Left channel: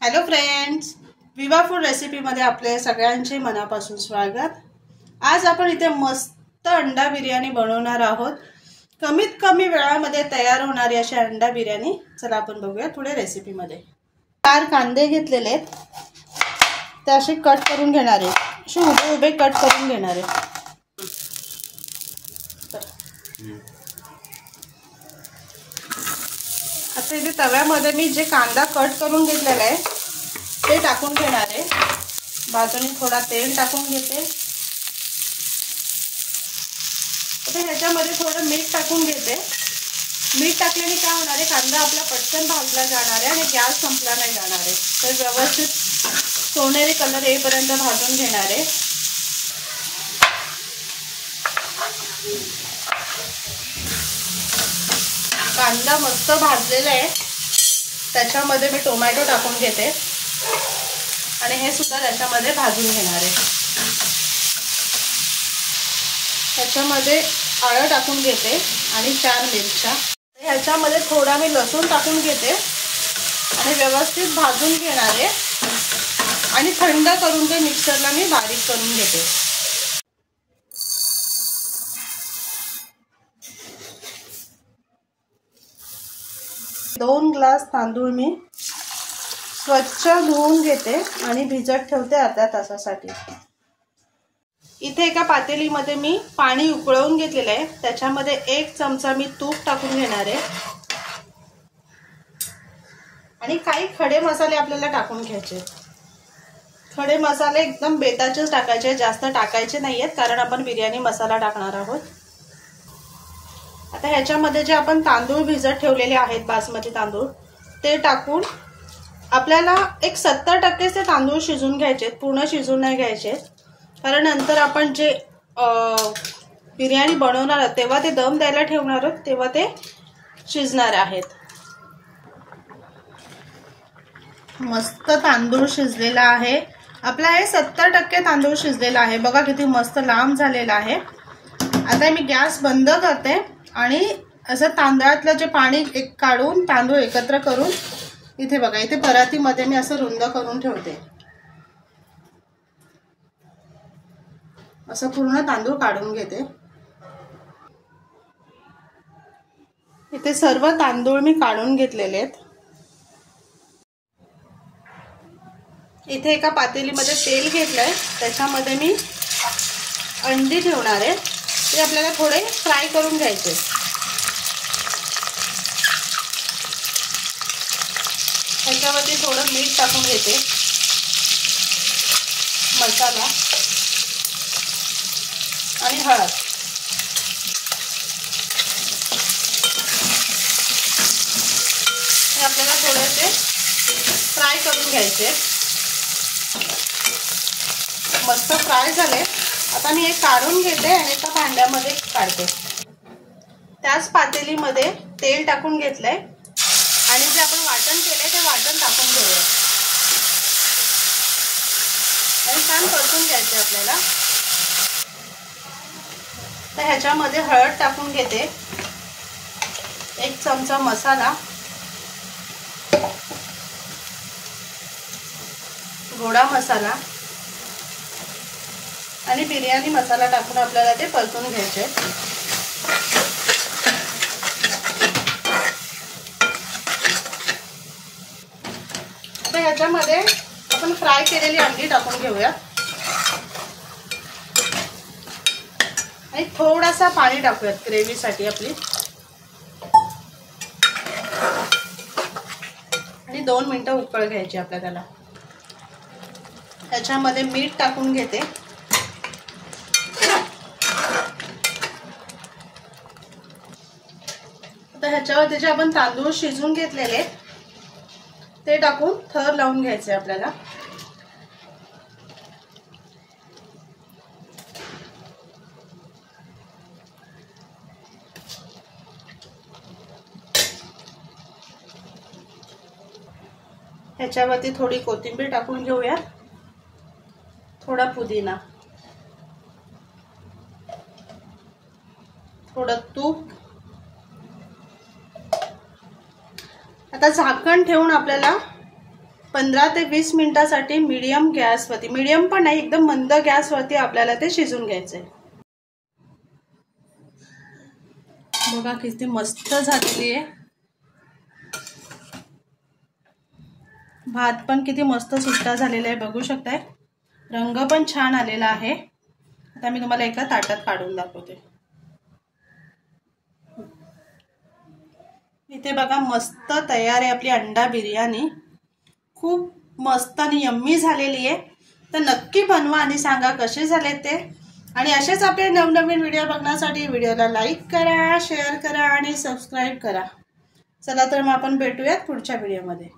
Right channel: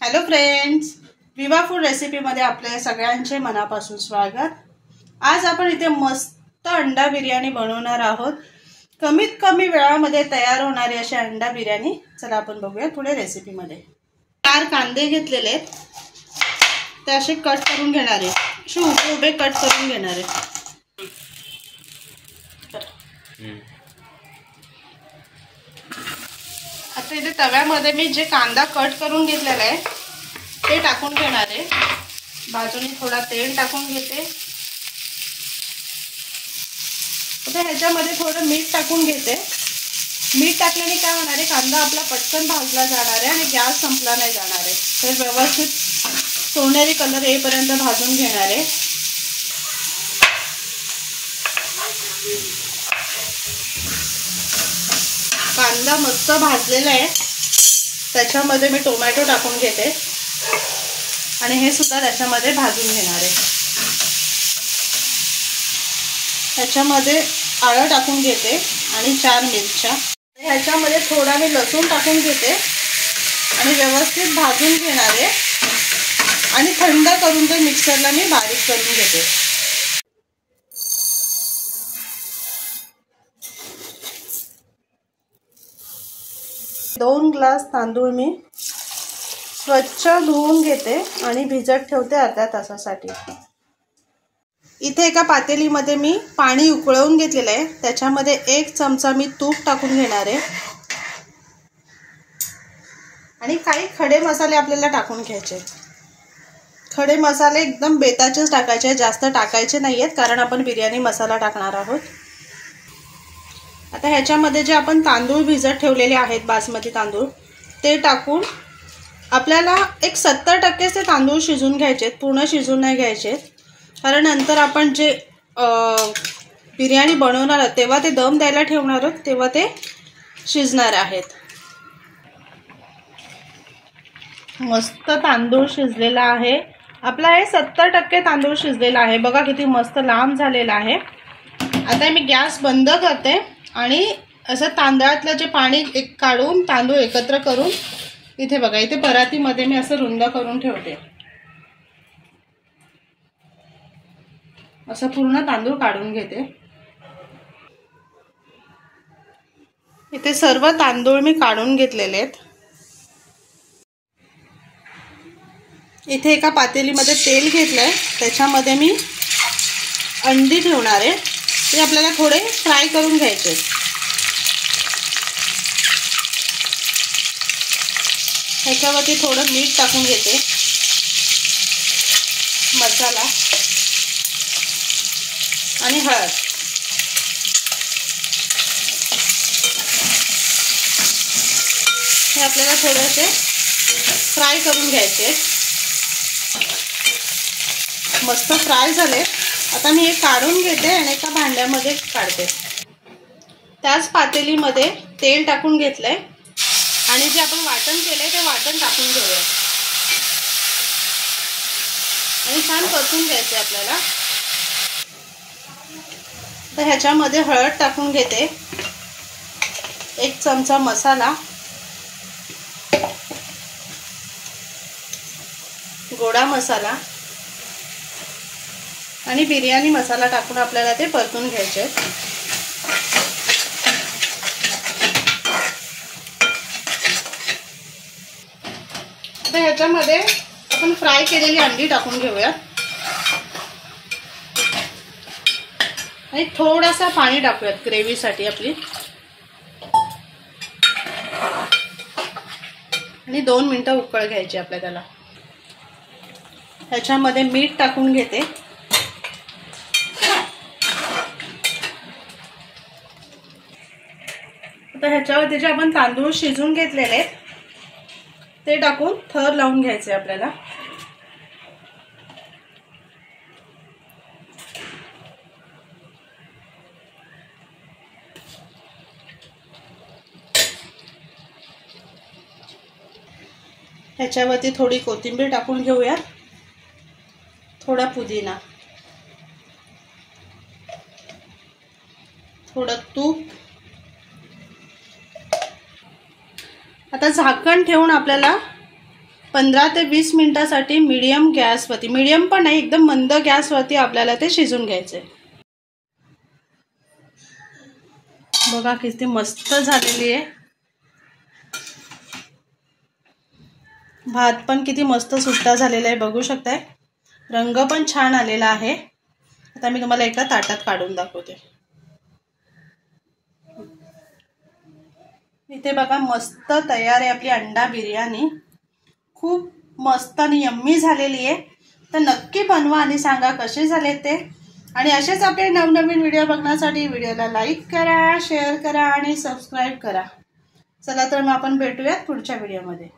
Hello friends, विवा food रेसिपीमध्ये आपले सगळ्यांचे मनापासून स्वागत। आज आपण इथे मस्त अंडा बिर्याणी बनवणार आहोत। कमीत कमी वेळामध्ये तयार होणारी अशी अंडा बिर्याणी। चला आपण बघूया पुढे रेसिपीमध्ये। 4 कांदे घेतलेले आहेत, ते असे कट करून घेणार आहे, असे उभे उभे कट करून घेणार आहे। आता इथे तव्यामध्ये मी जे कांदा कट करून घेतलेला आहे ते टाकून घेणार आहे। बाजूने थोडा तेल टाकून घेते। आता ह्याच्यामध्ये थोडं मीठ टाकून घेते। मीठ टाकल्याने काय होणार आहे, कांदा आपला पटकन भाजला जाणार आहे आणि गॅस संपला नाही जाणार आहे। तर व्यवस्थित सोनेरी कलर येईपर्यंत भाजून घेणार आहे। कांदा मस्त भाजलेला आहे, त्याच्यामध्ये मी टोमॅटो टाकून घेते आणि हे सुद्धा त्याच्यामध्ये भाजून घेणार आहे। त्याच्यामध्ये आलं टाकून घेते आणि 4 मिरच्या। ह्याच्यामध्ये थोडा मी लसूण टाकून घेते आणि व्यवस्थित भाजून घेणार आहे आणि थंड करून ते मिक्सरला मी बारीक करून घेते। दोन ग्लास तांदूळ मी स्वच्छ धुवून घेते आणि भिजत ठेवते अर्ध्या तासासाठी। इथे एका पातेलीमध्ये मी पाणी उकळवून घेतलेलं आहे, त्याच्यामध्ये 1 चमचा मी तूप टाकून घेणार आहे आणि काही खडे मसाले आपल्याला टाकून घ्यायचे। खडे मसाले एकदम बेताचेच टाकायचे, जास्त टाकायचे नाहीयेत, कारण आपण बिर्याणी मसाला टाकणार आहोत। आता ह्याच्यामध्ये जे आपण तांदूळ भिजत ठेवलेले आहेत, बासमती तांदूळ, ते टाकून आपल्याला एक 70% ते तांदूळ शिजून घ्यायचे, पूर्ण शिजून नाही घ्यायचे, कारण नंतर आपण जे बिर्याणी बनवणार आहोत तेव्हा ते दम द्यायला ठेवणार आहोत, तेव्हा ते शिजणार आहेत। मस्त तांदूळ शिजलेला आहे आपला, हे 70% तांदूळ शिजलेला आहे। बघा किती मस्त लांब झालेला आहे। आता मी गॅस बंद करते आणि असं तांदळातलं जे पाणी काढून तांदूळ एकत्र करून इथे बघा, इथे परातीमध्ये मी असं रुंद करून ठेवते। असं पूर्ण तांदूळ काढून घेते। इथे सर्व तांदूळ मी काढून घेतलेले आहेत। इथे एका पातेलीमध्ये तेल घेतलंय, त्याच्यामध्ये मी अंडी ठेवणार आहे, ते आपल्याला थोडे फ्राय करून घ्यायचे। ह्याच्यावरती थोडं मीठ टाकून घेते, मसाला आणि हळद। हे आपल्याला थोडेसे फ्राय करून घ्यायचे। मस्त फ्राय झाले। आता मी हे काढून घेते आणि एका भांड्यामध्ये काढते। त्याच पातेलीमध्ये तेल टाकून घेतलंय आणि जे आपण वाटण केलंय ते वाटण टाकून घेऊया आणि छान परतून घ्यायचे आपल्याला। तर ह्याच्यामध्ये हळद टाकून घेते, 1 चमचा मसाला, गोडा मसाला आणि बिर्याणी मसाला टाकून आपल्याला ते परतून घ्यायचे। तर ह्याच्यामध्ये आपण फ्राय केलेली अंडी टाकून घेऊया आणि थोडासा पाणी टाकूयात ग्रेव्हीसाठी आपली, आणि 2 मिनिटं उकळ घ्यायची आपल्याला त्याला। ह्याच्यामध्ये मीठ टाकून घेते, आता ह्याच्यावर जे आपण तांदूळ शिजून घेतलेले ते टाकून थर लावून घ्यायचे आपल्याला। ह्याच्यावरती थोडी कोथिंबीर टाकून घेऊया, थोडा पुदिना, थोडं तूप। आता झाकण ठेवून आपल्याला 15 ते 20 मिनिटासाठी मीडियम गॅसवरती, मीडियम पण नाही एकदम मंद गॅसवरती आपल्याला ते शिजून घ्यायचे। बघा किती मस्त झालेली आहे। भात पण किती मस्त सुट्टा झालेला आहे, बघू शकताय। रंग पण छान आलेला आहे। आता मी तुम्हाला एकदा ताटात काढून दाखवते। इथे बघा मस्त तयार आहे आपली अंडा बिर्याणी। खूप मस्त आणि यम्मी झालेली आहे। तर नक्की बनवा आणि सांगा कसे झाले ते। आणि असेच आपले नवनवीन व्हिडिओ बघण्यासाठी व्हिडिओला लाईक करा, शेअर करा आणि सबस्क्राईब करा। चला तर मग आपण भेटूयात पुढच्या व्हिडिओमध्ये।